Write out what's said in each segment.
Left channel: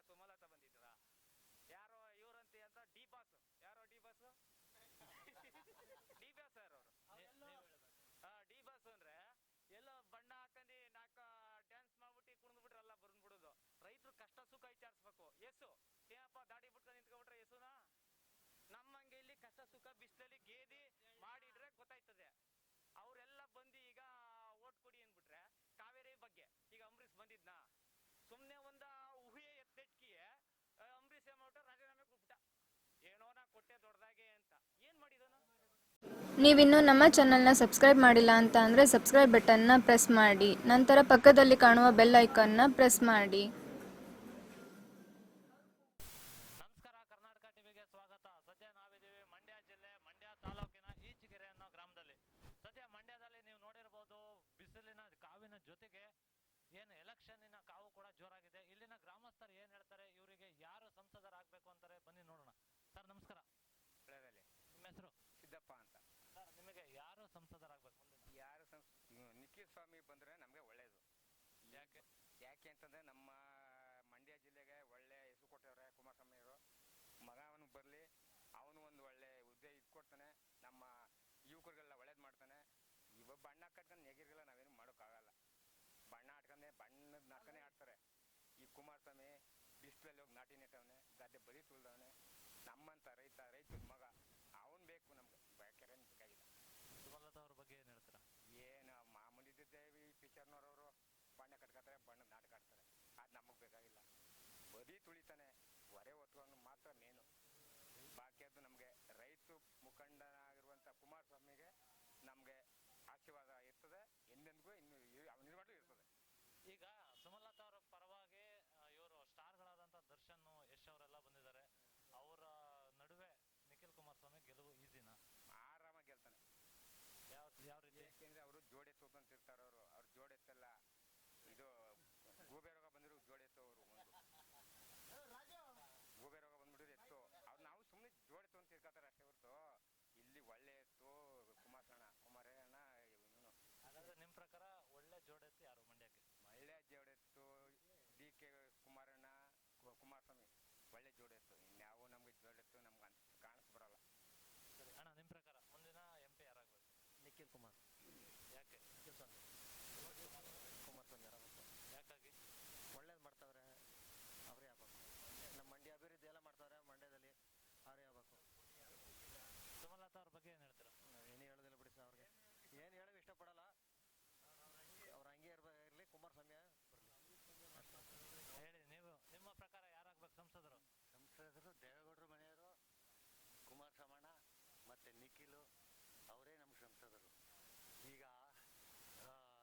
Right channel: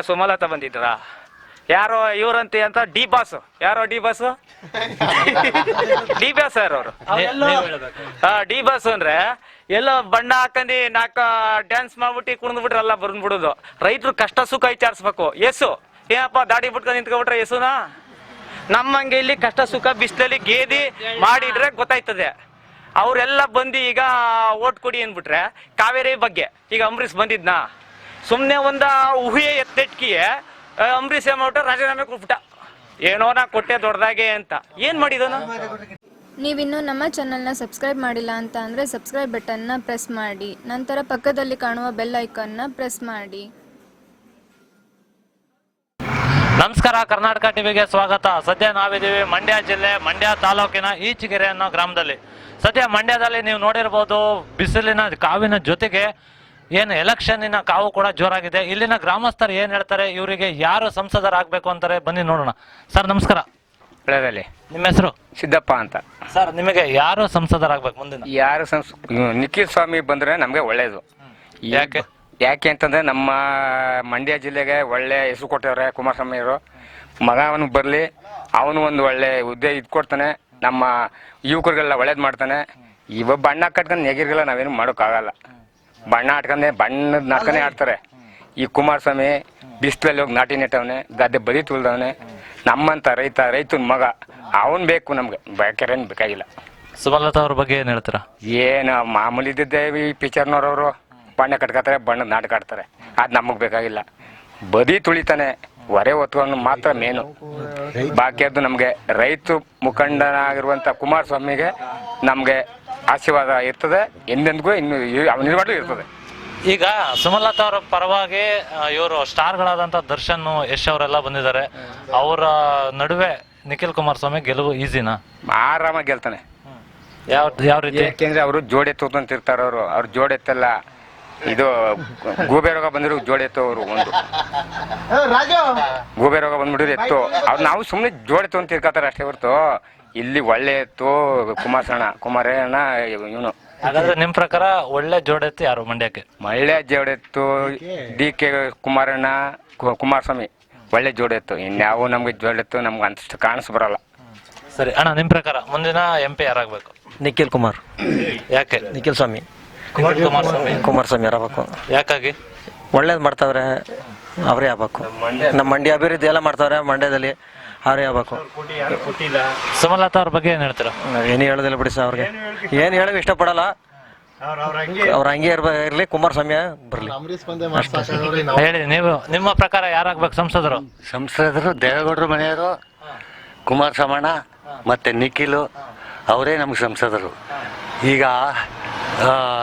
ಸುಮಲತಾ ಬಂದಿದ್ರ ಯಾರೋ ಇವ್ರಂತೆ ಅಂತ ಡಿ ಬಾಸ್ ಯಾರೋ ಡಿ ಬಾಸ್ ಡಿ ಬಾಸ್ ಯಾರು ಅವರು ಡಿ ಬಾಸ್ ಅಂದ್ರೆ ಎಲ್ಲೋ ಬಣ್ಣ ಹಾಕಂದಿ ನಾಲ್ಕ ಡ್ಯಾನ್ಸ್ ಮಾಡ್ಬಿಟ್ಟು ಕುಣಿದ್ಬಿಟ್ರಲ್ಲ ಬಂದ್ಬಿಡುದು. ರೈತರು ಕಷ್ಟ ಸುಖ ವಿಚಾರಿಸ್ಬೇಕು. ಎಸು ಏನಪ್ಪ ದಾಡಿ ಬಿಟ್ಕೊಂಡು ನಿಂತ್ಕೊಬಿಟ್ರೆ ಎಸುನ ನಮ್ಮಂಗೆ ಇಲ್ಲಿ ಕಷ್ಟ ಸುಖ ಬಿಸಿಲಲ್ಲಿ ಗೇದಿ ಮಾಡಿದ್ರೆ ಗೊತ್ತಾಯ್ತದೆ. ಅವರೆಲ್ಲ ಬಂದು ಈಗ ಓಟ್ ಕೊಡಿ ಅಂದ್ಬಿಟ್ರೆ ಕಾವೇರಿ ಬಗ್ಗೆ ಈಗ ಅಂಬರೀಷ್ ಬಂದಿದ್ನಾ ಸುಮ್ನೆ ಒಂದ ಊಹೆ ಎತ್ತೆಟ್ಕಿಯೇ ಅಂಬರೀಷ್ ಮಾಡ್ಬಿಟ್ಟ ರಾಜೀನಾಮೆ ಕೊಟ್ಬಿಟ್ಟ. ಏನೋ ನಾ ಕೊಟ್ಟೆ ದೊಡ್ಡದಾಗೆ ಅಂತ ಏನ್ ಮಾಡಿದನು. ನೀವಿನ್ನೂ ನಮ್ಮ ಚಾನಲ್ನ ಸಬ್ಸ್ಕ್ರೈಬ್ ಮಾಡಿಲ್ಲ ಅಂತ ಅಂದರೆ ಸಬ್ಸ್ಕ್ರೈಬ್ ಬಟನ್ನ ಪ್ರೆಸ್ ಮಾಡಿ, ನಂತರ ಪಕ್ಕದಲ್ಲಿ ಕಾಣುವ ಬೆಲ್ ಐಕಾನ್ನ ಪ್ರೆಸ್ ಮಾಡಿ. ನಮಸ್ಕಾರ, ಕರ್ನಾಟಕ ಟಿವಿಗೆ ಸ್ವಾಗತ. ಸದ್ಯ ನಾವಿದ್ದೀವಿ ಮಂಡ್ಯ ಜಿಲ್ಲೆ ಮಂಡ್ಯ ತಾಲೂಕಿನ ಈಚಗೆರೆ ಅನ್ನೋ ಗ್ರಾಮದಲ್ಲಿ. ಸದ್ಯ ಮಂಡ್ಯದಲ್ಲಿ ನೀವು ನೋಡಿರ್ಬೋದು, ಬಿಸಿಲಿನ ಕಾವಿನ ಜೊತೆಗೆ ಏನು ಎಲೆಕ್ಷನ್ನಿನ ಕಾವು ಕೂಡ ಜೋರಾಗಿದೆ. ಇಲ್ಲಿನ ಗ್ರಾಮಸ್ಥರು ಏನ್ ಹೇಳ್ತಾರೆ, ಇವರಿಗೆ ಯಾರು ಸಂಸದರಾಗಬೇಕು ಅಂತಾರೆ, ಬನ್ನಿ ನೋಡೋಣ. ಸರ್ ನಮಸ್ಕಾರ. ಬೆಳೆದಲ್ಲಿ ನಿಮ್ಮ ಹೆಸರು? ಸಿದ್ದಪ್ಪ ಅಂತ. ಸರ್ ನಿಮಗೆ ಯಾರು ಸಂಸದರಾಗಬೇಕು ಮುಂದಿನ? ಯಾರು ನಿಖಿಲ್ ಸ್ವಾಮಿ ಬಂದ್ರೆ ನಮ್ಗೆ ಒಳ್ಳೇದು. ಯಾಕೆ ಅಂತಂದ್ರೆ ನಮ್ಮ ಮಂಡ್ಯ ಜಿಲ್ಲೆಗೆ ಒಳ್ಳೆ ಹೆಸರು ಕೊಟ್ಟವ್ರೆ ಕುಮಾರಸ್ವಾಮಿ ಅವರು. ಮಗ ಅವನು ಬರ್ಲಿ, ಅವನು ಒಂದು ಒಳ್ಳೆ ಹುದ್ದೆ ಇದ್ಕೊಡ್ತಾನೆ, ನಮ್ಮ ಯುವಕರಿಗೆಲ್ಲ ಒಳ್ಳೇದು ಮಾಡ್ತಾನೆ. ಇವ ಬಣ್ಣ ಕಟ್ಕೊಂಡು ನೆಗಿರ್ಗೆಲ್ಲ ನಾವೇನು ಮಾಡೋಕ್ಕಾಗಲ್ಲ. ಬಣ್ಣ ಆಡ್ಕೊಂಡೆ ಬಣ್ಣದ ನಾಟಕನೇ ಆಡ್ತಾರೆ. ಈ ಕುಮಾರಸ್ವಾಮಿ ಬಿಸಿಲಲ್ಲಿ ಹೋಗಿ ನಾಟಿ ನೆಟ್ಟವನೆ, ಗದ್ದೆ ಬದಿ ತುಳ್ದವನೆ. ನಮ್ಮಂತ ರೈತನ ಮಗ ಅವನ್ ಬೇಕು ನಮ್ಗೆ, ಬೇಕಾರೇನು ಬೇಕಾಗಿಲ್ಲ. ಸುಮಲತಾ ಅವ್ರ ಬಗ್ಗೆ ಏನ್ ಹೇಳ್ತೀರಾ? ಏನು ಮಾಮೂಲಿ ಇದ್ದಿದ್ದೆ ಈ ಪಿಕ್ಚರ್ನವ್ರವರು ಬಣ್ಣ ಕಟ್ಕೊತಾರೆ, ಬಣ್ಣದ ನಾಟಕ ಆಡ್ತಾರೆ. ಅದು ನಮಗೆ ಬೇಕಾಗಿಲ್ಲ. ಬದಿ ತುಳಿತಾನೆ, ಹೊರೆ ಹೊತ್ಕೊಂಡು ಮಾತ್ರ ಮೇನು. ಬಾಕಿಯದ್ದು ನಮಗೆ ರೈತ ಮುಖಂಡನಾಗಿರುವಂಥ ಕುಮಾರಸ್ವಾಮಿಗೆ ನಮಗೆ ಆಶೀರ್ವಾದ ಇರ್ತದೆ, ಎಂದೆಂದಿಗೂ ಇನ್ನು ಅವನಿರ್ವಾಡ್ಲೂ ಇರ್ತದೆ. ಈಗ ಸುಮಲತಾ ಅವರ ಪರವಾಗಿ ಇವರು ಸ್ಟಾರ್ಗಳಾದಂಥ ದರ್ಶನ್, ಯಶ್ ಅವರೆಲ್ಲ ಬಂದಿದ್ದಾರೆ. ಅವರ ನಡುವೆ ನಿಖಿಲ್ ಕುಮಾರಸ್ವಾಮಿ ಗೆಲುವು ಈಸಿನಾ? ಆರಾಮಾಗಿ ಗೆಲ್ತಾನೆ. ಯಾವ ರೀತಿ? ಯಾಕೆಂದ್ರೆ ಅವರು ಜೋಡೆತ್ತಂತಿರ್ತಾರ. ಅವ್ರು ಜೋಡೆತ್ತಲ್ಲ, ಇದು ಗೂಬೆ ರೋಗ ಬಂದಿರೋ ಜೋಡೆತ್ತು. ಅವರು ಒಂದು ಗೂಬೆ ರೋಗ ಬಂದ್ಬಿಟ್ಟಿದ್ರು ಎತ್ತು. ಅವ್ರು ನಾವು ಸುಮ್ಮನೆ ಜೋಡೆತ್ತು ಅಂತ ಇರ್ಕತಾರೆ ಅಷ್ಟೇ ಹೊರ್ತು ಇಲ್ಲಿ ಒಳ್ಳೆ ಎತ್ತು ಕುಮಾರಣ್ಣ ಇವನು. ಹಾಗಾದ್ರೆ ನಿಮ್ ಪ್ರಕಾರ ಒಳ್ಳೆ ಜೋಡೆತ್ತು ಯಾರು ಮಂಡ್ಯಕ್ಕೆ? ಒಳ್ಳೆ ಜೋಡೆತ್ತು DK ಕುಮಾರಣ್ಣ, ಕುಮಾರಸ್ವಾಮಿ ಒಳ್ಳೆ ಜೋಡೆತ್ತು. ಇನ್ಯಾವು ನಮ್ಗೆ ಜೋಡೆತ್ತು ನಮ್ಗೆ ಅಂತಷ್ಟು ಕಾಣಿಸ್ ಬರಲ್ಲ. ಸರಿ ಅಣ್ಣ, ನಿಮ್ ಪ್ರಕಾರ ಮುಂದಿನ MP ಯಾರಾಗಬೇಕು? ನಿಖಿಲ್ ಕುಮಾರ್. ಯಾಕೆ? ನಿಖಿಲ್ ಸ್ವಾಮಿ ಕುಮಾರಸ್ವಾಮಿ ಯಾರಾಗಬೇಕು? ಯಾಕಾಗಿ? ಒಳ್ಳೇದು ಮಾಡ್ತಾವ್ರೆ, ಅವರೇ ಆಗ್ಬೇಕು. ನಮ್ಮ ಮಂಡ್ಯ ಅಭಿವೃದ್ಧಿ ಎಲ್ಲ ಮಾಡ್ತಾವ್ರೆ ಮಂಡ್ಯದಲ್ಲಿ, ಅವರೇ ಆಗ್ಬೇಕು. ಸುಮಲತಾ ಅವ್ರ ಬಗ್ಗೆ ಏನ್ ಹೇಳ್ತೀರಾ? ಏನು ಹೇಳೋದಿಲ್ಲ ಬಿಡಿ ಸರ್, ಅವ್ರಿಗೆ ಏನು ಹೇಳೋಕೆ ಇಷ್ಟಪಡಲ್ಲ. ಅವ್ರ ಹಂಗೆ ಇರಲಿ, ಕುಮಾರಸ್ವಾಮಿ ಬರಲಿ. ಹೇಳಿ ನೀವು, ನಿಮ್ಮ ಪ್ರಕಾರ ಯಾರಾಗ್ಬೇಕು ಸಂಸದರು? ದೇವೇಗೌಡರು ಮನೆಯವರು, ಕುಮಾರಸ್ವಾಮಣ್ಣ ಮತ್ತು ನಿಖಿಲು ಅವರೇ ನಮ್ಗೆ ಸಂಸದರು. ಈಗ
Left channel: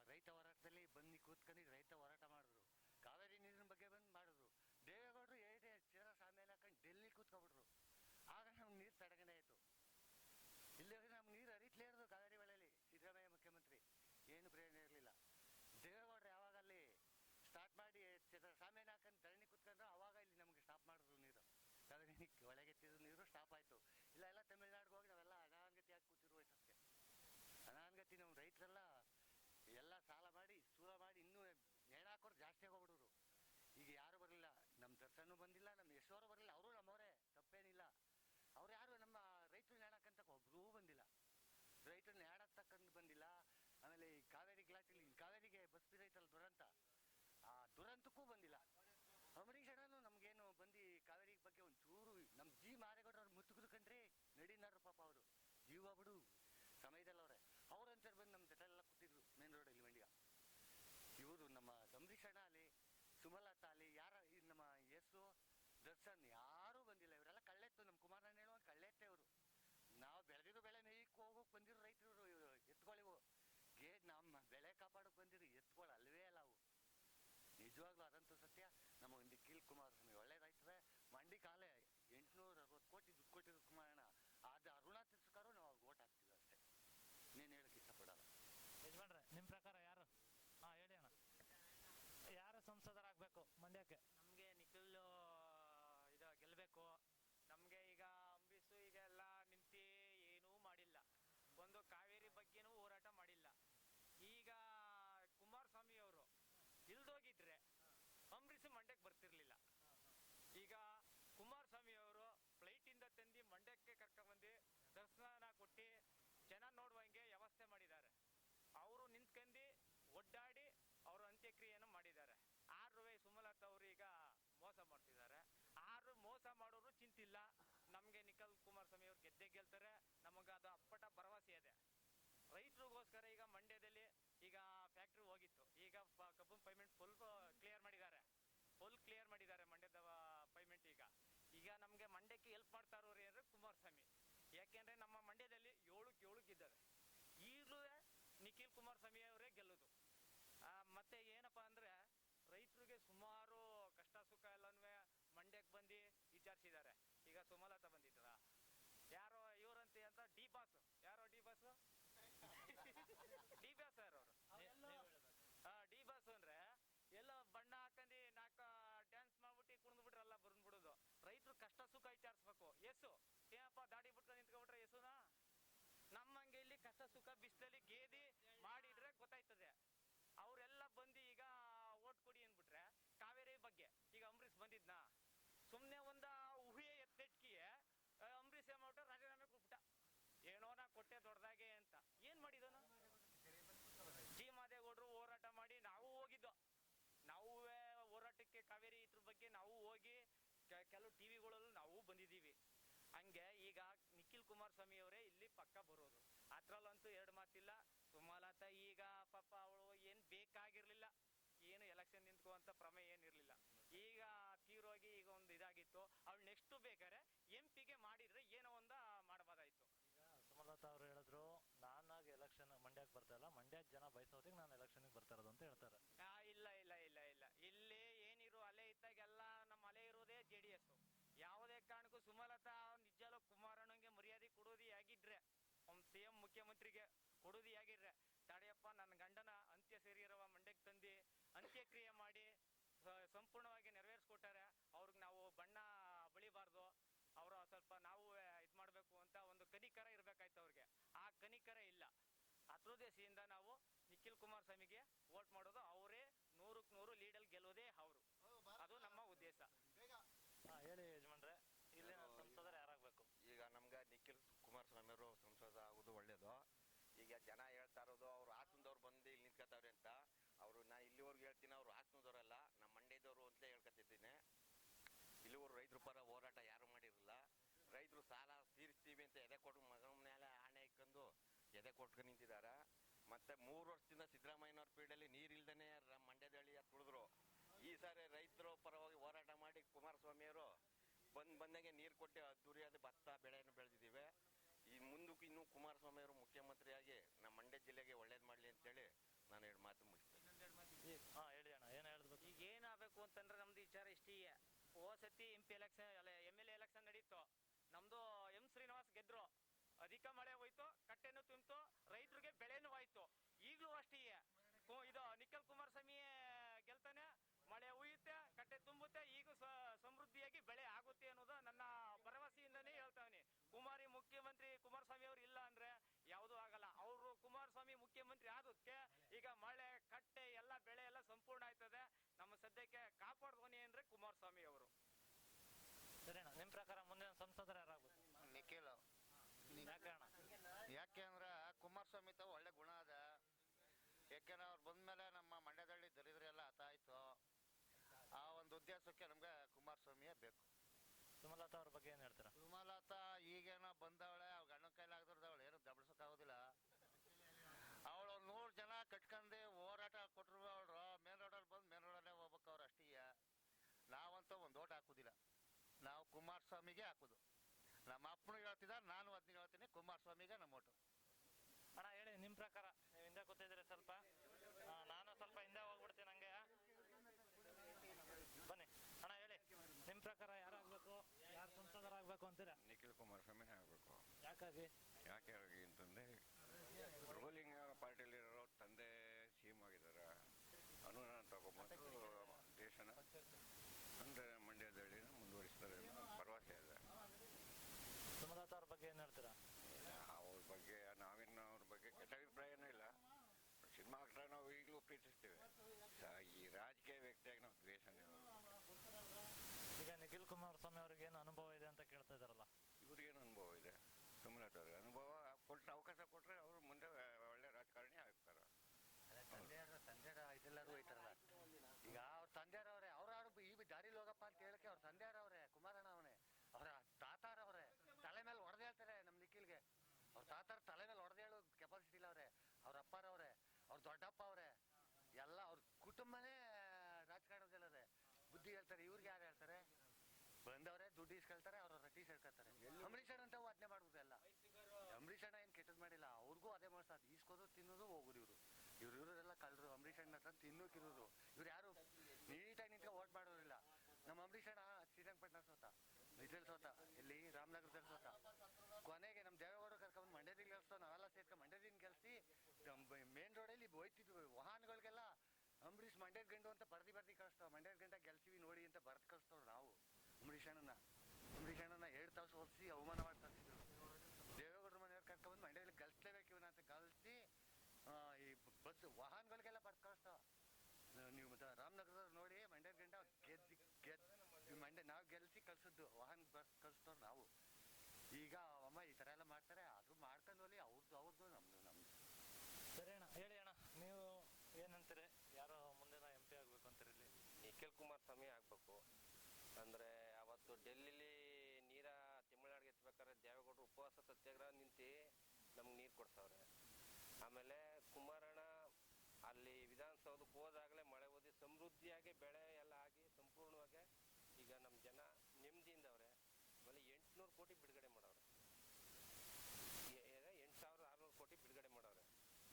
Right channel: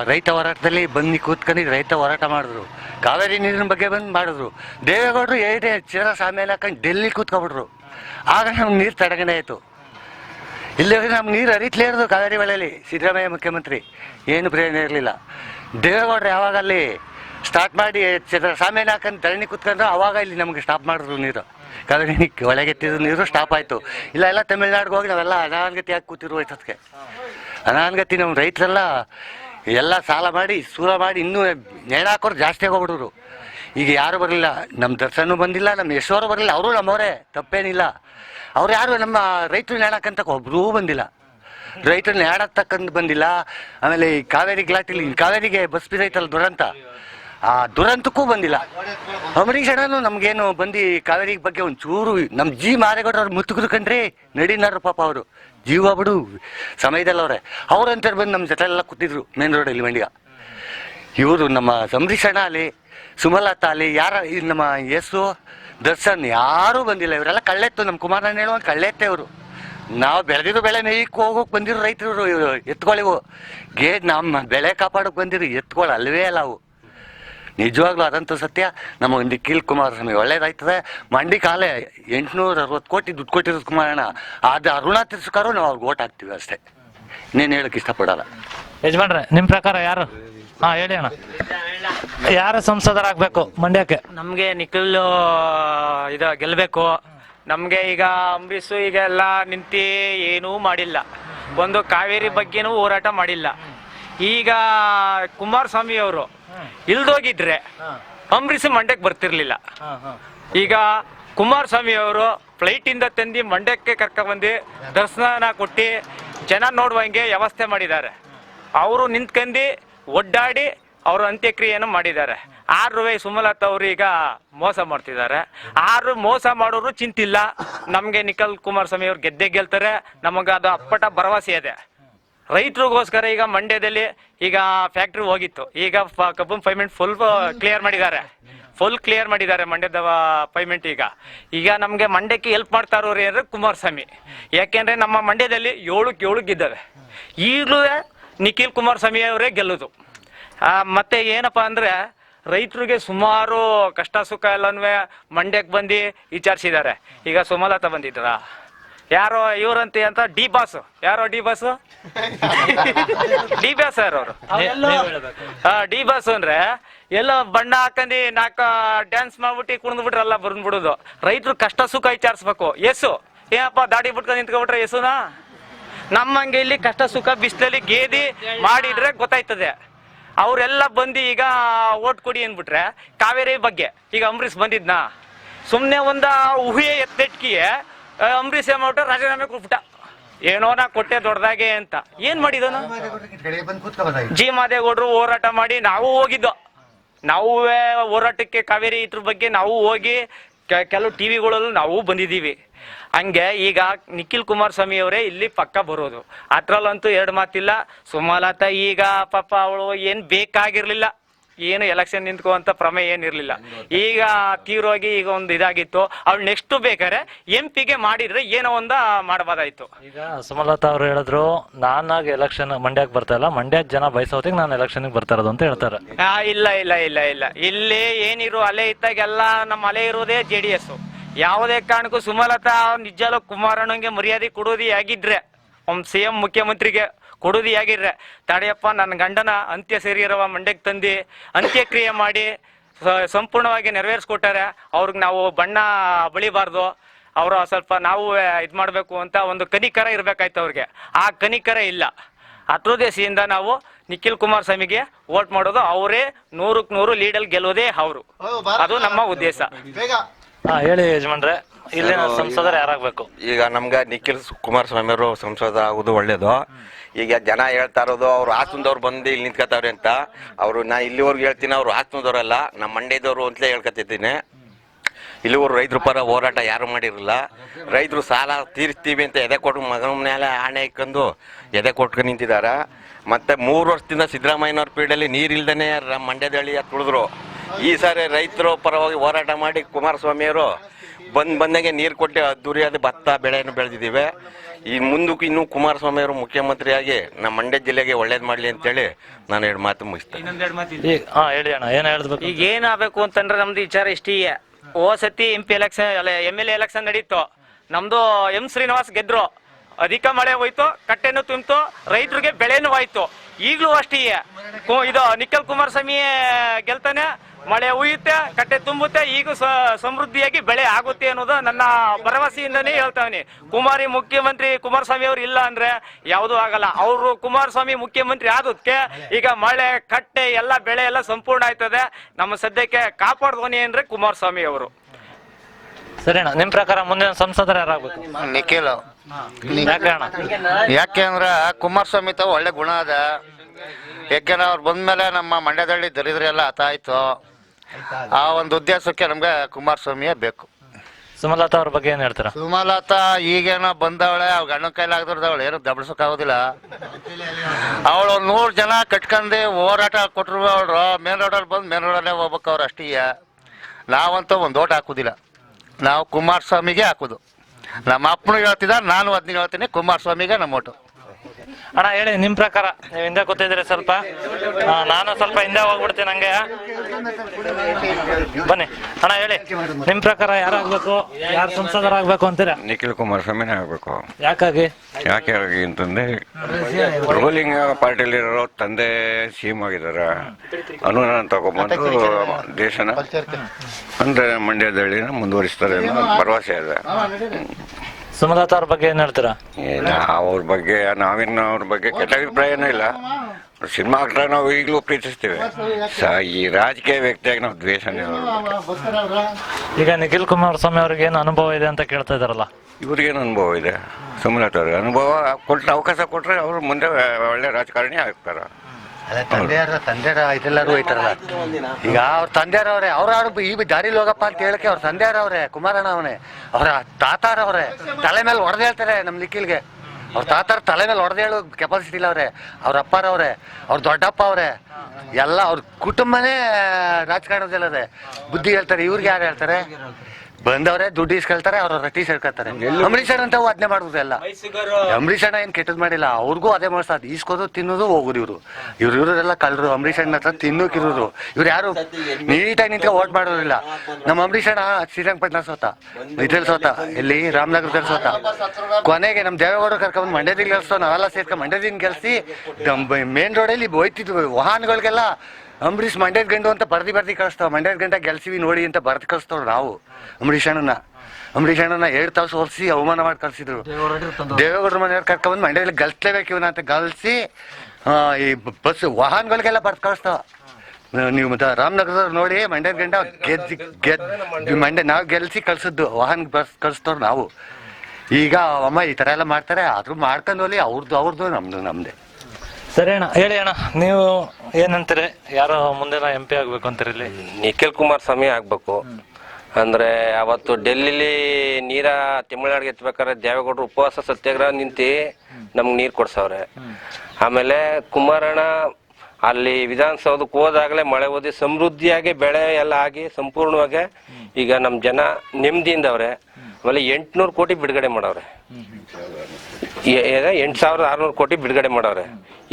ರೈತ ಹೋರಾಟದಲ್ಲಿ ಬಂದು ಕೂತ್ಕೊಂಡು ರೈತ ಹೋರಾಟ ಮಾಡಿದ್ರು. ಕಾವೇರಿ ನೀರಿನ ಬಗ್ಗೆ ಬಂದು ಮಾಡಿದ್ರು. ದೇವೇಗೌಡರು ಏಟೇ ಚಿರ ಸಾಮೇಲೆ ಹಾಕೊಂಡು ಡೆಲ್ಲಿ ಕೂತ್ಕೊಬಿಟ್ರು. ಆಗ ನಮ್ಗೆ ನೀರು ತಡೆಗಣೆ ಆಯಿತು. ಇಲ್ಲಿವರೆಗೆ ನಮ್ಗೆ ನೀರು ಹರಿತಲೇ ಇರೋದು ಕಾವೇರಿ ಬೆಳೆಯಲ್ಲಿ. ಸಿದ್ದರಾಮಯ್ಯ ಮುಖ್ಯಮಂತ್ರಿ, ಏನು ಪ್ರಯೋಜನ ಇರಲಿಲ್ಲ. ದೇವೇಗೌಡರು ಯಾವಾಗ ಅಲ್ಲಿ ಸ್ಟಾರ್ಟ್ ಮಾಡಿ ಸಾಮೇಲೆ ಹಾಕೊಂಡು ಧರಣಿ ಕೂತ್ಕೊಂಡ್ರು, ಆವಾಗ ಇಲ್ಲಿ ನಮಗೆ ಸ್ಟಾಪ್ ಮಾಡಿದ್ರು ನೀರು. ಕಾವೇರಿ ಒಳಗೆತ್ತಿದ್ರು ನೀರು ಸ್ಟಾಪ್ ಆಯಿತು. ಎಲ್ಲ ತಮಿಳ್ನಾಡಿಗೆ ಹೋಗಿ ನಾವೆಲ್ಲ ಅನಾನುಗತಿಯಾಗಿ ಕೂತಿರುವ ಇಷ್ಟೊತ್ತಿಗೆ. ಅನಾನುಗತಿ ನಮ್ಮ ರೈತರೆಲ್ಲ ಎಲ್ಲ ಸಾಲ ಮಾಡಿ ಸೂಲ ಮಾಡಿ ಇನ್ನೂ ನೇಣ ಹಾಕೋರು ಜಾಸ್ತಿ ಆಗೋಗ್ಬಿಟ್ರು. ಈಗ ಯಾರು ಬರಲಿಲ್ಲ, ನಮ್ಮ ದರ್ಶನೂ ಬಂದಿಲ್ಲ, ನಮ್ಮ ಯಶೋರು ಬರಲಿಲ್ಲ. ಅವರು ನಮ್ಮವರೇ, ತಪ್ಪೇನಿಲ್ಲ. ಅವ್ರು ಯಾರು ನಮ್ಮ ರೈತರು ನೇಣಕ್ಕಂತ ಒಬ್ಬರೂ ಬಂದಿಲ್ಲ. ರೈತರು ನೇಣತ್ತಕ್ಕಂತ ಬಂದಿಲ್ಲ. ಆಮೇಲೆ ಈ ಕಾವೇರಿ ಘಾಟಿಲಿ ಕಾವೇರಿಗೆ ಬಸ್ ಬಿದ್ದೈತಲ್ಲ ದುರಂತ, ಆ ದುರಂತಕ್ಕೂ ಬಂದಿಲ್ಲ. ಅಂಬರೀಷ್ ಅಣ್ಣನು ನಮಗೇನು ಬಂದು ಕಾವೇರಿ ಬಗ್ಗೆ ಒಂದು ಚೂರು ನಮ್ಮ ಮಾರೇಗೌಡರು ಅವ್ರು ಮುತ್ತುಕರು ಕಂಡ್ರಿ ನಡೀನಾರು ಪಾಪ. ಅವರು ಜೀವ ಬಿಡು ಸಮಯದಲ್ಲವ್ರೆ. ಅವ್ರಂತಾರೆ ಬಂದು ನಮ್ಮ ಜೊತೆ ಎಲ್ಲ ಕೂತಿದ್ರು ಮೇನ್ ರೋಡಲ್ಲಿ ಮಂಡ್ಯ. ಇವರು ನಮ್ಮ ಅಂಬರೀಷ್ ಅಣ್ಣ ಅಲ್ಲಿ, ಸುಮಲತಾ ಅಲ್ಲಿ, ನಮ್ಮ ಯಶು, ದರ್ಶನ್ ಯಾರೂ ಬಂದಿಲ್ಲ. ಇವರೆಲ್ಲ ಕಳ್ಳೆತ್ತು. ನಮ್ಮ ಕುಮಾರಣ್ಣ ಹೇಳುವಂತ ಕಳ್ಳೆತ್ತೆ ಅವರು. ನಾವು ಬೆಳೆದಿರೋ ಬೆಳೆ ಮೇಯ್ಕೆ ಹೋಗೋಕೆ ಬಂದಿರೋ ರೈತರು ಎತ್ಕೊಳ್ಳಿವು. ನಮ್ಮ ಬೆಳೆ ಕಾಪಾಡೋಕೆ ಬಂದಿರೋ ಎತ್ಕೊಳ್ಳ ಅಲ್ವೇ ಅಲ್ಲ ಅವು. ನಿಜವಾಗ್ಲೂ ಅದಂತೂ ಸತ್ಯ. ನಮ್ಮ ನಿಖಿಲ್ ಕುಮಾರಸ್ವಾಮಿ ಒಳ್ಳೇದಾಯ್ತದೆ. ಮಂಡಿ ಕಾಲೇ 860 ಕೋಟಿ ದುಡ್ಡು ಕೊಟ್ಟಿರೋದು ಕುಮಾರಣ್ಣ. ಅದು ಅರುಣ ತಿರ್ಸ್ಕಾರು ನಾವು ಅವ್ರಿಗೆ ಓಟ್ ಹಾಕ್ತೀವಿ ಅಷ್ಟೇ. ಇನ್ನೇನು ಹೇಳಕ್ಕೆ ಇಷ್ಟಪಡಲ್ಲ. ಯಜಮಾನ್ರೆ, ನಿಮ್ ಪ್ರಕಾರ ಯಾರು? ಹೇಳಿ ಅಣ್ಣ, ಯಾರು ಸಂಸದರಾಗಬೇಕು ಮಂಡ್ಯಕ್ಕೆ? ನಮ್ಗೆ ನಿಖಿಲ್ ಗೆಲ್ಬೇಕು. ನಮ್ಗೆ ಈಗ ಅಂಬರೀಷ್ ಈಗ ಎಲ್ಲ ನಿಂತಿ ಏನೂ ಮಾಡಿಲ್ಲ. ಒಂದು ಕಾವೇರಿ ಬಗ್ಗೆನೂ ಹೋರಾಟ ಮಾಡಿಲ್ಲ. ಈಗ ಕುಮಾರಸ್ವಾಮಿ ಅವರು ಇಲ್ದೋಗಿದ್ರೆ ಅಂಬರೀಷ್ ಮಂಡ್ಯಕ್ಕೆ ಬರ್ತಿರ್ಲಿಲ್ಲ. ಈಗ ಕುಮಾರಸ್ವಾಮಿ ಅವರು ಫ್ಲೈಟಿಂದ ತಂದು ಮಂಡ್ಯಕ್ಕೆ ಕರ್ಕೊಂಡ್ಬಂದು ದರ್ಶನ ಕೊಟ್ಟು ಜನ ನೋಡುವಂಗೆ ವ್ಯವಸ್ಥೆ ಮಾಡಿದ್ದಾರೆ. ಅವರು ನಿಂತ್ಕಂಡು ಒಡ್ಡಾಡಿ ಅವರು ಅಂತ್ಯಕ್ರಿಯೆಯನ್ನು ಮಾಡಿದ್ದಾರೆ. ಆರು ಸುಮಲತಾ ಅವರು ಈಗ ಮೋಸ ಮಾಡ್ತಿದ್ದಾರೆ. ಆರು ಮೋಸ ಮಾಡೋರು ಚಿಂತಿಲ್ಲ. ನಮಗೆ ನಿಖಿಲ್ ಕುಮಾರಸ್ವಾಮಿ ಅವ್ರು ಗೆದ್ದೇ ಗೆಲ್ತಾರೆ, ನಮಗೆ ಅದು ಅಪ್ಪಟ ಭರವಸೆ ಇದೆ. ರೈತರಿಗೋಸ್ಕರ ಈಗ ಮಂಡ್ಯದಲ್ಲಿ ಈಗ ಫ್ಯಾಕ್ಟ್ರಿ ಹೋಗಿತ್ತು, ಈಗ ಕಬ್ಬನ್ ಪೇಮೆಂಟ್ ಫುಲ್ ಕ್ಲಿಯರ್ ಮಾಡಿದ್ದಾರೆ ಮಂಡ್ಯದ ಪೇಮೆಂಟ್. ಈಗ ನಮಗೆ ಮಂಡ್ಯಕ್ಕೆ ಹೆಲ್ಪ್ ಮಾಡ್ತಾ ಇರೋರು ಏನಂದ್ರೆ ಕುಮಾರಸ್ವಾಮಿ. ಯಾಕೆಂದ್ರೆ ನಮ್ಮ ಮಂಡ್ಯದಲ್ಲಿ 7 ಗೆದ್ದಾವೆ. ಈಗಲೂ ನಿಖಿಲ್ ಕುಮಾರಸ್ವಾಮಿ ಅವರೇ ಗೆಲ್ಲೋದು. ಮತ್ತೆ ಏನಪ್ಪಾ ಅಂದ್ರೆ ರೈತರಿಗೆ ಸುಮಾರು ಕಷ್ಟ ಸುಖ ಎಲ್ಲನೂ ಮಂಡ್ಯಕ್ಕೆ ಬಂದು ವಿಚಾರಿಸಿದ್ದಾರೆ. ಈಗ ಸುಮಲತಾ ಬಂದಿದ್ರ, ಯಾರೋ ಇವ್ರಂತೆ ಅಂತ ಡಿ ಬಾಸ್ ಸರ್ ಅವರು. ಡಿ ಬಾಸ್ ಅಂದ್ರೆ ಎಲ್ಲ ಬಣ್ಣ ಹಾಕಂದು 4 ಡ್ಯಾನ್ಸ್ ಮಾಡ್ಬಿಟ್ಟು ಕುಣಿದ್ಬಿಟ್ರಲ್ಲ ಬಂದ್ಬಿಡುದು. ರೈತರು ಕಷ್ಟ ಸುಖ ವಿಚಾರಿಸ್ಬೇಕು. ಏನಪ್ಪ ದಾಡಿ ಬಿಟ್ಕೊಂಡು ನಿಂತ್ಕೊಬಿಟ್ರೆ ಯಸುನಾ? ನಮ್ಮಂಗೆ ಇಲ್ಲಿ ಕಷ್ಟ ಸುಖ ಬಿಸಿಲಲ್ಲಿ ಗೇದಿ ಮಾಡಿದ್ರೆ ಗೊತ್ತಾಯ್ತದೆ. ಅವರೆಲ್ಲ ಬಂದು ಈಗ ಓಟ್ ಕೊಡಿ ಅಂದ್ಬಿಟ್ರೆ ಕಾವೇರಿ ಬಗ್ಗೆ ಈಗ ಅಂಬರೀಷ್ ಬಂದಿದ್ನ ಸುಮ್ಮನೆ ಒಂದು ಊಹೆ ಎತ್ತೆಟ್ಕಿಯೇ ಅಂಬರೀಷ್ ಏನ್ಬಿಟ್ಟ ರಾಜೀನಾಮೆ ಕೊಟ್ಬಿಟ್ಟ. ಏನೋ ನಾ ಕೊಟ್ಟೆ ದೊಡ್ಡದಾಗೆ ಅಂತ. ಏನ್ ಮಾಡಿದನು? ಜಿ ಮಾದೇಗೌಡರು ಹೋರಾಟ ಮಾಡಿ ನಾವು ಹೋಗಿದ್ದು. ನಾವು ಹೋರಾಟಕ್ಕೆ ಕಾವೇರಿ ಇದ್ರ ಬಗ್ಗೆ ನಾವು ಹೋಗಿ ಕೆಲವು ಟಿವಿಗಳಲ್ಲೂ ನಾವು ಬಂದಿದ್ದೀವಿ. ಹಂಗೆ ಈಗ ನಿಖಿಲ್ ಕುಮಾರಸ್ವಾಮಿ ಅವರೇ ಇಲ್ಲಿ ಪಕ್ಕ ಬರೋದು. ಅದ್ರಲ್ಲಂತೂ 2 ಮಾತಿಲ್ಲ. ಸುಮಲತಾ ಈಗ ಪಾಪ ಅವಳು ಏನ್ ಬೇಕಾಗಿರ್ಲಿಲ್ಲ, ಏನು ಎಲೆಕ್ಷನ್ ನಿಂತ್ಕೋಂತ ಪ್ರಮೇಯ ಏನಿರ್ಲಿಲ್ಲ. ಈಗ ತೀವ್ರವಾಗಿ ಈಗ ಒಂದು ಇದಾಗಿತ್ತು. ಅವಳು ನೆಕ್ಸ್ಟ್ ಬೇಕಾದ್ರೆ MP ಗೆ ಮಾಡಿದ್ರೆ ಏನೋ ಒಂದ ಮಾಡಬಹುದಾಯ್ತು. ಈಗ ಸುಮಲತಾ ಅವ್ರು ಹೇಳಿದ್ರು, ನಾನಾಗಿ ಎಲೆಕ್ಷನ್ ಮಂಡ್ಯಕ್ಕೆ ಬರ್ತಾ ಇಲ್ಲ, ಮಂಡ್ಯ ಜನ ಬಯಸೋತಿಗೆ ನಾನು ಎಲೆಕ್ಷನ್ಗೆ ಬರ್ತಾ ಇರೋದು ಅಂತ ಹೇಳ್ತಾರೆ. ಇಲ್ಲ ಇಲ್ಲಿ ಏನಿರೋ ಅಲೆ ಇದ್ದಾಗೆಲ್ಲ ನಮ್ಮ ಅಲೆ ಇರೋದೇ JDS. ಯಾವುದೇ ಕಾರಣಕ್ಕೂ ಸುಮಲತಾ ನಿಜಾಲು ಕುಮಾರಣ್ಣಂಗೆ ಮರ್ಯಾದೆ ಕೊಡೋದಿ ಆಗಿದ್ರೆ, CM ಮುಖ್ಯಮಂತ್ರಿಗೆ ಕೊಡೋದಿ ಆಗಿದ್ರೆ, ತಡೆಯಪ್ಪ ನನ್ನ ಗಂಡನ ಅಂತ್ಯ ಶರೀರವ ಮಂಡ್ಯಕ್ಕೆ ತಂದು ಅಂತ್ಯಕ್ರಿಯೆ ಮಾಡಿ ಸಂಪೂರ್ಣವಾಗಿ ನೆರವೇರಿಸ್ಕೊಟ್ಟಾರೆ. ಅವ್ರಿಗೆ ನಾವು ಬಣ್ಣ ಬಳಿಬಾರ್ದು, ಅವರು ಸ್ವಲ್ಪ ನಾವು ಇದು ಮಾಡಬೇಕು ಅಂತ ಒಂದು ಕನಿಕರ ಇರ್ಬೇಕಾಯ್ತು ಅವ್ರಿಗೆ. ಆ ಕನಿಕರ ಇಲ್ಲ. ಹತ್ರೋದೇಶಿಯಿಂದ ನಾವು ನಿಖಿಲ್ ಕುಮಾರಸ್ವಾಮಿಗೆ ವೋಟ್ ಮಾಡೋದು. ಅವರೇ 100ಕ್ಕೆ 100 ಲೀಡಲ್ಲಿ ಗೆಲ್ಲೋದೇ ಅವರು. ಅದು ನಮ್ಮ ಉದ್ದೇಶ. ಹೇಳಿ ಯಜಮಾನ್ರೆ, ಇಲ್ಲಿನ ಸಂಸದರು ಯಾರಾಗಬೇಕು? ಈಗ ನಮ್ಗೆ ನಿಖಿಲ್ ಕುಮಾರಸ್ವಾಮಿ ಅವರು ಸಂಸದ ಆಗೋದು ಒಳ್ಳೇದು. ಈಗ ಜನ ಹೇಳ್ತಾ ಇರೋದು ಅವ್ರು ಹಾಸನದವ್ರು ಬಂದು ಇಲ್ಲಿ ನಿಂತ್ಕೊತಾವ್ರೆ ಅಂತ. ಅವರು ನಾ ಇಲ್ಲಿವರೆಗೂ ಹೇಳ್ತೀನಿ, ಅವ್ರು ಹಾಸನದವ್ರಲ್ಲ, ನಮ್ಮ ಮಂಡ್ಯದವರು ಅಂತಲೇ ಹೇಳ್ಕೊತಿದ್ದೀನಿ. ಇಲ್ಲಿವರೆಗೂ ರೈತರ ಪರ ಹೋರಾಟ ಯಾರು ಮಾಡಿರಲಿಲ್ಲ. ರೈತರು ಸಾಲ ತೀರಿಸ್ತೀವಿ ಅಂತ ಎದೆ ಕೊಟ್ಟು ಮಗನ ಮೇಲೆ ಆಣೆ ಇಕ್ಕೊಂಡು ಎದೆ ಕೊಟ್ಕೊಂಡು ನಿಂತಿದ್ದಾರೆ. ಮತ್ತು 3 ವರ್ಷದಿಂದ ಸಿದ್ದರಾಮಯ್ಯನವ್ರ ಪೀಡಲ್ಲಿ ನೀರಿಲ್ದೇ ಮಂಡ್ಯದಳ್ಳಿ ತುಳಿದ್ರು. ಈ ಸಾರಿ ರೈತರು ಪರವಾಗಿ ಹೋರಾಟ ಮಾಡಿ ಕುಮಾರಸ್ವಾಮಿಯವರು ಬಂದಂಗೆ ನೀರು ಕೊಟ್ಟು ಅದ್ದೂರಿಯಾದ ಭತ್ತ ಬೆಳೆಯನ್ನು ಬೆಳೆದಿದ್ದೀವಿ. ಈ ಮುಂದಕ್ಕೂ ಇನ್ನೂ ಕುಮಾರಸ್ವಾಮಿಯವರು ಮುಖ್ಯಮಂತ್ರಿಯಾಗಿ ನಮ್ಮ ಮಂಡ್ಯ ಜಿಲ್ಲೆಗೆ ಒಳ್ಳೇದು ಮಾಡಲಿ ಅಂತೇಳಿ ನಾನು 2 ಮಾತು ಮುಗಿಸ್ತೇನೆ. ಹೇಳಿ ಅಣ್ಣ, ಏನು ಹೇಳ್ಬೇಕು? ಈಗ ಏನಾಗಬೇಕು ಅಂತಂದ್ರೆ ನಮ್ದು ವಿಚಾರ ಇಷ್ಟೇ. ಸತಿ MP ಎಲೆಕ್ಷನ್ MLA ಎಲೆಕ್ಷನ್ ನಡೀತು. ನಮ್ದು M ಶ್ರೀನಿವಾಸ್ ಗೆದ್ರು. ಅಧಿಕ ಮಳೆ ಹೋಯ್ತು, ಕಟ್ಟೆನೂ ತುಂಬಿತು, ರೈತರಿಗೆ ಬೆಳೆನೂ ಆಯ್ತು. ಈಗಲೂ ಅಷ್ಟೇ ಇದು ನಿಖಿಲ್ ಕುಮಾರಸ್ವಾಮಿ ಗೆಲ್ತಾನೆ, ಮಳೆ ಹುಯ್ಯುತ್ತೆ, ಕಟ್ಟೆ ತುಂಬುತ್ತೆ, ಈಗ ಸಮೃದ್ಧಿಯಾಗಿ ಬೆಳೆ ಆಗುತ್ತೆ ಅನ್ನೋದು ನನ್ನ ಭರವಸೆಯಿಂದನೇ ಹೇಳ್ತಾವನಿ. ಮುಖ್ಯಮಂತ್ರಿ ಕುಮಾರಸ್ವಾಮಿ ಅವರು ಇಲ್ಲ ಅಂದ್ರೆ ಯಾವುದೂ ಆಗಲ್ಲ. ಅವರು ಕುಮಾರಸ್ವಾಮಿ ಮುಖ್ಯಮಂತ್ರಿ ಆದಕ್ಕೆ ಈಗ ಮಳೆ ಕಟ್ಟೆ ಎಲ್ಲ ಬೆಳೆ ಎಲ್ಲ ಸಂಪೂರ್ಣ ಆಯ್ತದೆ. ನಮ್ಮ ಸದ್ಯಕ್ಕೆ ಕಾಪಾಡ್ದೋನಿ ಅಂದ್ರೆ ಕುಮಾರಸ್ವಾಮಿ ಅವರು. ಸರಿ ಅಣ್ಣ, ನಿಮ್ ಪ್ರಕಾರ ಮುಂದಿನ ಸಂಸದರು ಯಾರಾಗಬೇಕು? ನಿಖಿಲ್. ಯಾಕೆ ಅಂದ್ರೆ ಕುಮಾರಸ್ವಾಮಿ ತಾವು ಒಳ್ಳೆ ಗುಣ ಅದ. ಯಾಕೆಂದ್ರೆ ಅವ್ರು ಬಂದ್ಮೇಲೆ ನಮ್ಮ ಮಂಡ್ಯದಲ್ಲಿ ದರಿದ್ರ ಎಲ್ಲ ಆಯ್ತು. ಆ ಒಂದು ಉದ್ದೇಶಕ್ಕೆ ನಮ್ಗೆ ಕುಮಾರಸ್ವಾಮಿಯೇ ಬೇಕು. ಸುಮಲತಾ ಅವ್ರ ಬಗ್ಗೆ ಏನ್ ಹೇಳ್ತೀರಾ? ಸುಮಲತಾ ಈಗೇನೋ ಬಂದವಳೆ, ಅವ್ರ ಗಂಡನ ಕೈಲಾಗದವ್ರದವಳು ಏನು ದಬಡ್ಸಕ್ ಆಗೋದಿಲ್ಲ. ಅವಳು 100 ಜನ ಕಟ್ಕೊಂಡೆ ಹೋರಾಟ ಕೊಟ್ಟರು. ಅವ್ರು ಮೇನ್ ರೋಡಲ್ಲಿ ಬಂದು ಮೇನ್ ರೋಡಲ್ಲೇ ಹೋಗ್ಬೇಕು ಅವ್ರು ಅಷ್ಟೇ. ನಾವಂತೂ ಒಂದು ಓಟ್ ಹಾಕುದಿಲ್ಲ, ನಾವು ಕುಮಾರಸ್ವಾಮಿಗೆ ಹಾಕುದು. ನಮ್ಮ ಅಪ್ಪನು ಹೇಳ್ತಿದ್ದ, ನಾನು ಅದನ್ನ ಹೇಳ್ತೀನಿ, ಕುಮಾರಸ್ವಾಮಿಗೆ ನಮ್ಮ ಓಟು. ಅಣ್ಣ ಹೇಳಿ, ನಿಮ್ ಪ್ರಕಾರ ನೀವು ಹಿಂದೆ ಕೂತಿದ್ರಿ ಸ್ವಲ್ಪ, ನಾನು ಸ್ವಲ್ಪ ಹಿಂದೆ ಹೋಗ್ಬಿಡ್ತೀನಿ ಹಂಗೆ. ಬನ್ನಿ ಅಣ್ಣ, ಹೇಳಿ ನಿಮ್ ಪ್ರಕಾರ ಯಾರಾಗ್ಬೇಕು, ಯಾರು ಸಂಸದರಾಗ್ಬೇಕು ಅಂತೀರಾ? ನಿಖಿಲ್ ಕುಮಾರಸ್ವಾಮಿನೇ ಆಗಬೇಕು. ಯಾಕಾಗಿ ಅಂತಂದ್ರೆ ರೂಲಿಂಗ್ ಪಾರ್ಟಿಲಿರೋ ತಂದೆ CM ಆಗಿದ್ದಾರೆ. ಅನುದಾನ ತಗೊಂಡ್ಬಂದು ದೇಶನ ಅಂದ್ರೆ ಮಂಡ್ಯದಳ್ಳಿನ ಮುಂದುವರಿಸ್ತಾರೆ ಅನ್ನೋ ಭರವಸೆ ಇದೆ. ಸುಮಲತಾ ಅವ್ರ ಬಗ್ಗೆ ಏನ್ ಹೇಳ್ತೀರಾ? ಅವ್ರ ಬಗ್ಗೆ ನಾವಿನ್ನು ಅವ್ರ ಬಗ್ಗೆ ಕೆಟ್ಟ ಅಭಿಪ್ರಾಯನೂ ಇಲ್ಲ. ಸಿನಿಮಾ ಆಕ್ಟ್ರ ನಾವು ಈಗಲೂ ಪ್ರೀತಿಸ್ತೇವೆ ಈ ರಾಜಕೀಯ ವ್ಯಕ್ತಿಯಾಗಿ ನಾವು ದ್ವೇಷನೇ ಈಗ ನಿಖಿಲ್ ಕುಮಾರಸ್ವಾಮಿ ಅವ್ರಿಗೆ ಏನು ಅನುಭವ ಇದೆ ಅಂತ ಕೇಳ್ತಾ ಇದಾರಲ್ಲ, ಇವ್ರಿಗೇನು ಅನುಭವ ಇದೆ? ಸುಮಲತಾ ಅವ್ರಿಗೆ ಅನುಭವ ಕೊಟ್ಟರೆ, ಅವಕಾಶ ಕೊಟ್ಟರೆ ಅವರು ಮುಂದೆ ಒಳ್ಳೆ ರಾಜಕಾರಣಿ ಆಗ್ತಾರೆ. ಅದೇ ತಂದೆಯರ ಇದೆಲ್ಲರೂ ಹೋಯ್ತಾರಲ್ಲ. ಈಗ ಅವ್ರ ತಂದೆಯರವ್ರೆ, ಅವ್ರು ಈ ದಾರಿಲಿ ಹೋಗಪ್ಪ ಅಂತ ಹೇಳಕ್ಕೆ ಅವ್ರ ತಂದೆಯರವ್ರೆ, ಕುಮಾರಣ್ಣ ಅವನೇ, ಅವರ ತಾತಾರವ್ರೆ ತಲೆ ಮೇಲೆ ಹೊಡೆದು ಹೇಳ್ತಾರೆ ನಮ್ಮ ನಿಖಿಲ್ಗೆ. ಅವ್ರ ತಾತಾರ ತಲೆ ಮೇಲೆ ಹೊಡೆದು ಹೇಳು ಕೆಪಾಸಿಟಿ ಇಲ್ಲ ಅವ್ರೆ. ಅವ್ರ ಅಪ್ಪಾರವ್ರೆ, ಅವ್ರ ದೊಡ್ಡಪ್ಪ ಅವ್ರೆ, ಎಲ್ಲ ಅವ್ರ ಕುಟುಂಬನೇ ರಾಜಕಾರಣದಲ್ಲದೆ ಬುದ್ಧಿ ಹೇಳ್ತಾರೆ. ಇವ್ರಿಗೆ ಯಾರು ಹೇಳ್ತಾರೆ? ಬಂದವ್ರೆ ದುಡ್ಡು ಇಸ್ಕೊಳ್ತಾರೆ, ಅವ್ರ ರೊಟ್ಟಿ ಸೇರ್ಕೊಳ್ತಾರೆ. ಅಂಬರೀಷ್ ಅಣ್ಣ ಅಂತವು ಅದನ್ನೇ ಮಾಡುದು ಎಲ್ಲ. ಅಂಬರೀಷ್ ಅಣ್ಣ ಏನ್ ಕೆಟ್ಟದ್ ಮಾಡಿಲ್ಲ, ಅವ್ರಿಗೂ ಅದೇ ಮಾಡ್ಸೋದು, ಈಸ್ಕೋದು ತಿನ್ನೋದು ಹೋಗುದು. ಇವರೆಲ್ಲ ಕಳ್ರು. ಅಂಬರೀಷ್ ಅಣ್ಣ ಹತ್ರ ತಿನ್ನೋಕಿರೋರು. ಇವ್ರು ಯಾರು ನೀಟಾಗಿ ನಿಂತ್ಕೊಂಡು ಓಟ್ ಮಾಡೋದಿಲ್ಲ. ನಮ್ಮ ಅಂಬರೀಷ್ ಅಣ್ಣ ಶ್ರೀರಂಗಪಟ್ಟಣ ಸೋತ, ಇದ್ರಲ್ಲಿ ಸೋತ, ಎಲ್ಲಿ ರಾಮನಗರದಲ್ಲಿ ಸೋತ. ಕೊನೆಗೆ ನಮ್ಮ ದೇವೇಗೌಡರು ಕರ್ಕೊಂಡ್ ಮಂಡ್ಯದಿಂದ ಗೆಲ್ಸೋ, ನಾವೆಲ್ಲ ಸೇರ್ಕೊಂಡು ಮಂಡ್ಯದಿಂದ ಗೆಲ್ಸಿ ಮೇನ್ ರೋಡಲ್ಲಿ ಹೋಯ್ತಿದ್ವಿ ವಾಹನಗಳಿಗೆಲ್ಲ. ಅಂಬರೀಷ್ ಮಂಡ್ಯದ ಗಂಡು ಅಂತ ಬರ್ದಿ ಕಳಿಸ್ತಾವ, ಮಂಡ್ಯದ ಗಂಡ ಗೆಲ್ಸಿವಿ ನೋಡಿ ಅಂತ ಬರ್ದು ಕಳಿಸ್ತವ್ರು ನಾವು ಅಂಬರೀಷ್ ಅಣ್ಣನ 2 ತಾಸು ಹೋಲಿಸಿ ಅವಮಾನ ಮಾಡಿ ಕಳ್ಸಿದ್ರು. ದೇವೇಗೌಡರ ಮನೆಯವ್ರು ಕರ್ಕೊಂಡ್ಬಂದು ಮಂಡ್ಯದಲ್ಲಿ ಗೆಲ್ಸ್ಲೇಬೇಕು ಇವನ ಅಂತ ಗೆಲ್ಸಿ ಈ ಬಸ್ ವಾಹನಗಳಿಗೆಲ್ಲ ಬರ್ದು ಕಳಿಸ್ತಾವ. ನೀವು ರಾಮನಗರದವ್ರು ನೋಡಿ, ಮಂಡ್ಯದ ಗಂಡ ಮಂಡ್ಯ ನಾವು ಗೆಲ್ಸಿ ಕಳ್ಸಿದ್ದು ವಾಹನ ಬಸ್ ಕಳಿಸ್ತವ್ರು ನಾವು. ಈಗ ಅಮ್ಮ ಈ ತರ ಎಲ್ಲ ಮಾಡ್ತಾರೆ, ಆದ್ರೂ ಮಾಡ್ಕೊಂಡು ಹೋಗ್ಲಿ, ಅವ್ರದ್ದು ನಮ್ದೇ. ಸರಿ ಅಣ್ಣ, ಹೇಳಿ ಅಣ್ಣ, ನೀವು ಏನಂತೀರಿ? ಯಾರು ಮುಂದಿನ MP ಆಗ್ಬೇಕು ಅಂತೀರಿ ಇಲ್ಲಿ? ನಿಖಿಲ್ ಕುಮಾರಸ್ವಾಮಿ ಆಗ್ಬೇಕು. ಅಂದ್ರೆ ಅವತ್ತು ಡೆಲ್ಲಿಲಿ ನೀರ ತಮಿಳ್ನಾಡಿಗೆ ಎತ್ತಬೇಕಾದ್ರೆ ದೇವೇಗೌಡರು ಉಪವಾಸ ಸತ್ಯಾಗ್ರಹ ನಿಂತು ನಮ್ಗೆ ನೀರು ಕೊಡ್ಸವ್ರೆ. ಆಮೇಲೆ ಕುಮಾರಣ್ಣ ಅಲ್ಲಿ ವಿಧಾನಸೌಧಕ್ಕೆ ಹೋದಾಗಲೇ ಮಳೆ ಓದಿ ಸಮೃದ್ಧಿಯಾಗಿ ಬೆಳೆ ಎಲ್ಲ ಆಗಿ ಸಂಪೂರ್ಣವಾಗಿ ಈಗ ನಮ್ಮ ಜನ ನೆಮ್ಮದಿಯಿಂದವ್ರೆ. ಆಮೇಲೆ 800 ಕೋಟಿ ಬಿಡುಗಡೆ ಮಾಡವ್ರೆ, 8,600 ಕೋಟಿ ಬಿಡುಗಡೆ ಮಾಡವ್ರೆ.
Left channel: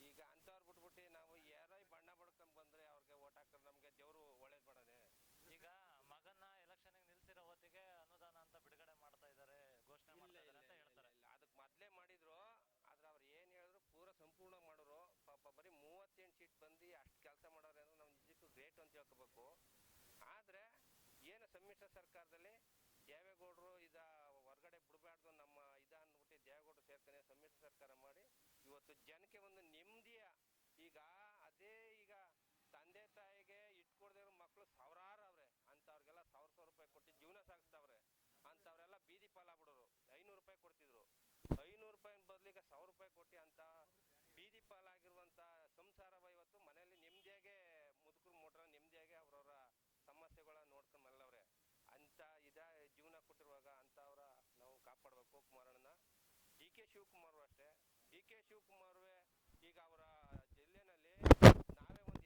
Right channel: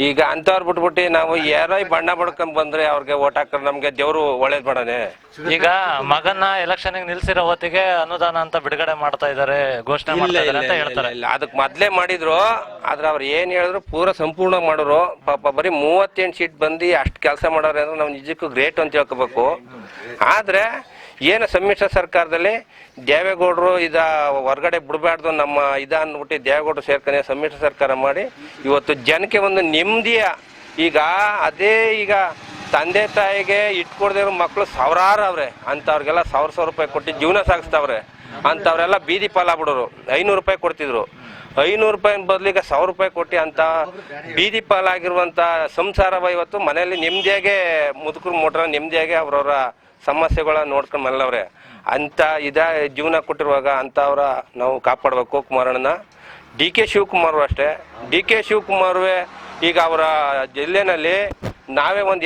ಈಗ ಅಂತವ್ರು ಬಿಟ್ಬಿಟ್ಟು ನಾವು ಯಾರೋ ಬಣ್ಣ ಬಡ್ಕೊಂಡ್ ಬಂದ್ರೆ ಅವ್ರಿಗೆ ಓಟ್ ಹಾಕ್ತಾರೆ, ನಮ್ಗೆ ದೇವ್ರು ಒಳ್ಳೇದ್ ಮಾಡಾನೆ. ಈಗ ಮಗನ್ನ ಎಲೆಕ್ಷನ್ ನಿಲ್ಸಿರೋ ಹೊತ್ತಿಗೆ ಅನುದಾನ ಅಂತ ಬಿಡುಗಡೆ ಮಾಡ್ತಾ ಇದಾರೆ, ಘೋಷಣೆ ಮಾಡ್ತಾ ಇದಾರೆ ಅಂತ ಹೇಳ್ತಾರೆ. ಇಲ್ಲ, ಅದಕ್ ಮೊದ್ಲೇ ಮಾಡಿದ್ರು. ಆದ್ರೆ ಅವ್ರು ಏನ್ ಹೇಳಿದ್ರು ಪೂರ ಸಂಪೂರ್ಣ ಮಾಡೋರು. ಪಾಪ ಬರೀ 38 ಸೀಟ್ ಬಂದು ಅಷ್ಟು ಕೆಲಸ ಮಾಡೋರು ಅಂದ್ರೆ ನಾವು ನಿಜಕ್ಕೂ ಗ್ರೇಟ್ ಅಂತ ಹೇಳ್ಕೋಬೇಕು. ಆದ್ರೆ ಏನು ಸಮ್ಮಿಶ್ರ ಸರ್ಕಾರದಲ್ಲಿ ದೇವೇಗೌಡರು ಹೊರಗಡೆ ಬಿಡಬಾರ್ದು ನಮ್ಮ ಅಂದ್ಬಿಟ್ಟು ದೇವೇಗೌಡರು ಸೇರ್ಕೊಂಡೆ ಸಮ್ಮಿಶ್ರ ಸರ್ಕಾರ ಮಾಡಿ ಇವತ್ತು ಜನಕ್ಕೆ ಒಂದು ನೆಮ್ಮದಿಯ ಈಗ ಅದೇ ಈಗ ತಂದೆ ತಾಯಿಗೆ ಇಟ್ಕೊಡ್ದೇ ಇರೋ ಮಕ್ಕಳು ಸಾವಿರಾರು ಅವ್ರೆ. ಅಂಥವ್ರಿಗೆಲ್ಲ 1,000 ರೂಪಾಯಿ ಕೊಟ್ಟು ಜೀವನ ಸಾಗಿಸ್ತಾವ್ರೆ. ಅಂಥವ್ರೆಲ್ಲ ಬೀದಿ ಪಾಲಾಗ್ಬಿಡೋರು. 500 ರೂಪಾಯಿ ಕೊಡ್ತಿದ್ರು, 500 ರೂಪಾಯಿ ಬದಲಿಗೆ 1,000 ರೂಪಾಯಿ ಕೊಟ್ಟು ಅಂತ ಬೀದಿ ಪಾಲಾಗಿರುವಂಥ ಸಂಸಾರವ ಇವತ್ತು ಮನೆಯಲ್ಲಿ ನೆಮ್ಮದಿಯಾಗೆ ಮುದುಕರು ಮೋಟ್ರ ನೆಮ್ಮದಿಯಾಗಿ ಅವ್ರವ್ರ ಸಮಸ್ಯೆಗಳನ್ನ ನೋಡ್ಕೊಂಡು ಮಲ್ಲವ್ರೆ. ಅಂತ ಜೀವನ ಕೊಟ್ಟಿರುವಾಗ ಅಂಥವ್ರ ನಾವು ಕಾಪಾಡಬೇಕು. ಕುಮಾರಣ್ಣನ DK ಶಿವಕುಮಾರ್ ಅಷ್ಟೇ. DK ಶಿವಕುಮಾರ್ವೇ ಈಗ ಅವರ ಜಿಲ್ಲೆನಲ್ಲಿ ನಾವೇ ಒಂದು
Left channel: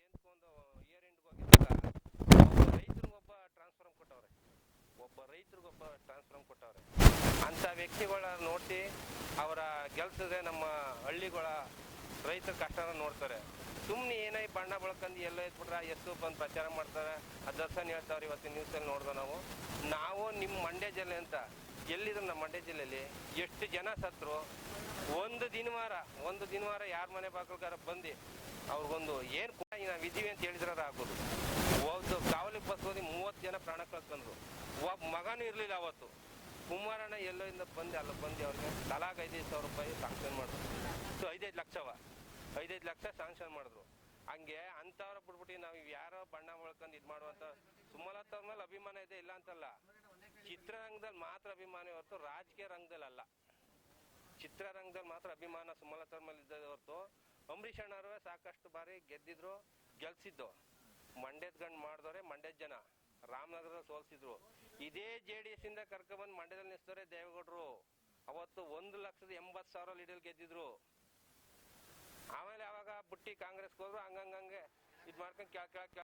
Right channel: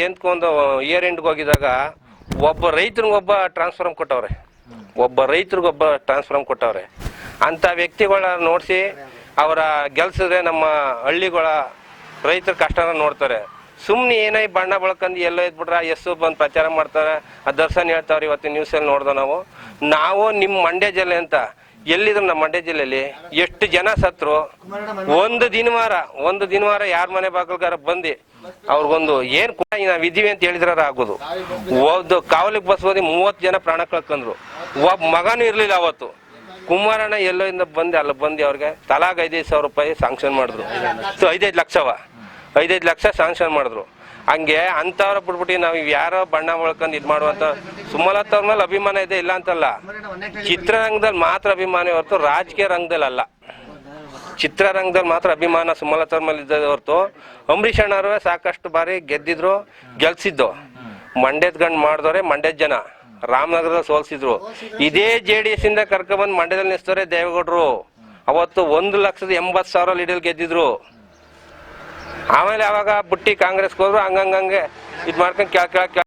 ಇಯರ್ ಎಂಡ್ಗೆ ಹೋಗಿದಾಗ ಒಬ್ಬ ರೈತರಿಗೊಬ್ಬ ಟ್ರಾನ್ಸ್ಫಾರ್ಮ್ ಕೊಟ್ಟವ್ರೆ. ಅಂಥ ವ್ಯಕ್ತಿಗಳ ನೋಡಿಸಿ ಅವರ ಗೆಲ್ಸಿದ್ರೆ ನಮ್ಮ ಹಳ್ಳಿಗಳ ರೈತರ ಕಷ್ಟನ ನೋಡ್ತಾರೆ. ಸುಮ್ಮನೆ ಏನಾಗಿ ಬಣ್ಣ ಬಳಕಂದು ಎಲ್ಲೋ ಇದ್ಬಿಟ್ರೆ ಎಷ್ಟು ಬಂದು ಪ್ರಚಾರ ಮಾಡ್ತಾರೆ, ದರ್ಶನ್ ಹೇಳ್ತಾವ್ರೆ. ಇವತ್ತಿನ ನ್ಯೂಸಲ್ಲಿ ನೋಡ್ದೆ ನಾವು ನಿಮ್ಮ ಮಂಡ್ಯ ಜಿಲ್ಲೆ ಅಂತ ಎಲ್ಲಿದ್ರು ನಮ್ಮ ಮಂಡ್ಯ ಜಿಲ್ಲೆಯಲ್ಲಿ ಎಷ್ಟು ಜನ ಸತ್ರು. ಒಂದು ದಿನವಾರ ಯಾರ ಮನೆ ಬಾಗಿಲ್ಗಾರ ಬಂದು ಅವ್ರಿಗೊಂದು ಏನ್ ನಾವ್ ಇದೀವಿ ಅಂತ ಹೇಳಿದ್ರ ಆಗೋದು. ಒಂದು ಕಾವಲಿಗೆ ಬಸ್ ಹೋದಿ 30 ಜನ ಪ್ರಾಣ ಕಳ್ಕೊಂಡ್ರು. ಒಬ್ಬ ಮಗನೂ ಇರ್ಲಿಲ್ಲ ಅವತ್ತು. ಕುಮಾರಣ್ಣ ಎಲ್ಲೋ ಇಂದ ಅಲ್ಲಿ ಬಂದು ಅವ್ರಿಗೆ ತಲಾಗ 5,000 ರೂಪಾಯಿ ಸಾಂಕ್ಷನ್ ಮಾಡಿದ್ರು. 5 ಲಕ್ಷ ಸಾಂಕ್ಷನ್ ಮಾಡಿದ್ರು. ಹಂಗೆ ಅಂತವ್ರ ಬಿಟ್ಬಿಟ್ಟು ನಾವು ಯಾರೋ ಬಣ್ಣ ಒಳ್ಕೊಂಡು ಮಾಡುವಂತ ಸುಮಲತಾ ಅವ್ರ ಮೇಲೆ ಅಭಿಮಾನ ಇದೆ, ಇಲ್ಲ ಅಂತಲ್ಲ. ಚಿತ್ರರಂಗದಲ್ಲಿ ಮಾತ್ರ ಅಭಿಮಾನ ಹೊರತು ರಾಜಕೀಯ ರಂಗದಲ್ಲಿ ಅಲ್ಲ. ಚಿತ್ರರಂಗದಲ್ಲಿ ಮಾತ್ರ ಅಭಿಮಾನ ಸುಮಲತಾ ಅವ್ರ ಮೇಲೆ ಇದ್ದದ ಹೊರತು ಅಂಬರೀಷ್ ಅಣ್ಣವ್ರೆ ಸಾಕಷ್ಟು ಬಾರಿ ಗೆಲ್ಸಿದ್ದು. ಮಂಡ್ಯದ ಗಂಡು ಮಾಡಿದವ್ರೆ ಮಂಡ್ಯದ ಜನ. ರಾಮನಗರದಲ್ಲಿ ಸೋಲ್ಸಿದ್ರು. ಇದೇ JDS ಇಂದ ಕರ್ಕೊಂಡ್ಬಂದು ಮಂಡ್ಯದಲ್ಲಿ ನಿಲ್ಸ್ತವ್ರೆ ದೇವೇಗೌಡರು. ಅವತ್ತು 1,80,000 ಲೀಡಲ್ಲಿ ಗೆದ್ದಿದ್ರು. ಆಮೇಲೆ ಅವಾಗ ಬುಟ್ಟಿ ಕಾಂಗ್ರೆಸ್ಗೆ ಹೋದ್ರು. ಹಂಗಂಗೆ ಇದು ಮಾಡ್ಕೊಂಡು ಕೇಳ.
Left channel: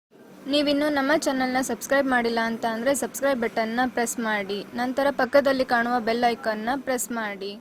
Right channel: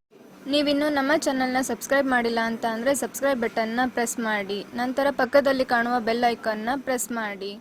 ನೀವಿನ್ನೂ ನಮ್ಮ ಚಾನಲ್ನ ಸಬ್ಸ್ಕ್ರೈಬ್ ಮಾಡಿಲ್ಲ ಅಂತ ಅಂದರೆ ಸಬ್ಸ್ಕ್ರೈಬ್ ಬಟನ್ನ ಪ್ರೆಸ್ ಮಾಡಿ, ನಂತರ ಪಕ್ಕದಲ್ಲಿ ಕಾಣುವ ಬೆಲ್ ಐಕಾನ್ನ ಪ್ರೆಸ್ ಮಾಡಿ.